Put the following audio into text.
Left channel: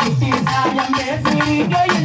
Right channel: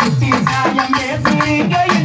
குட்டி நாயம் பேசுகிறீங்க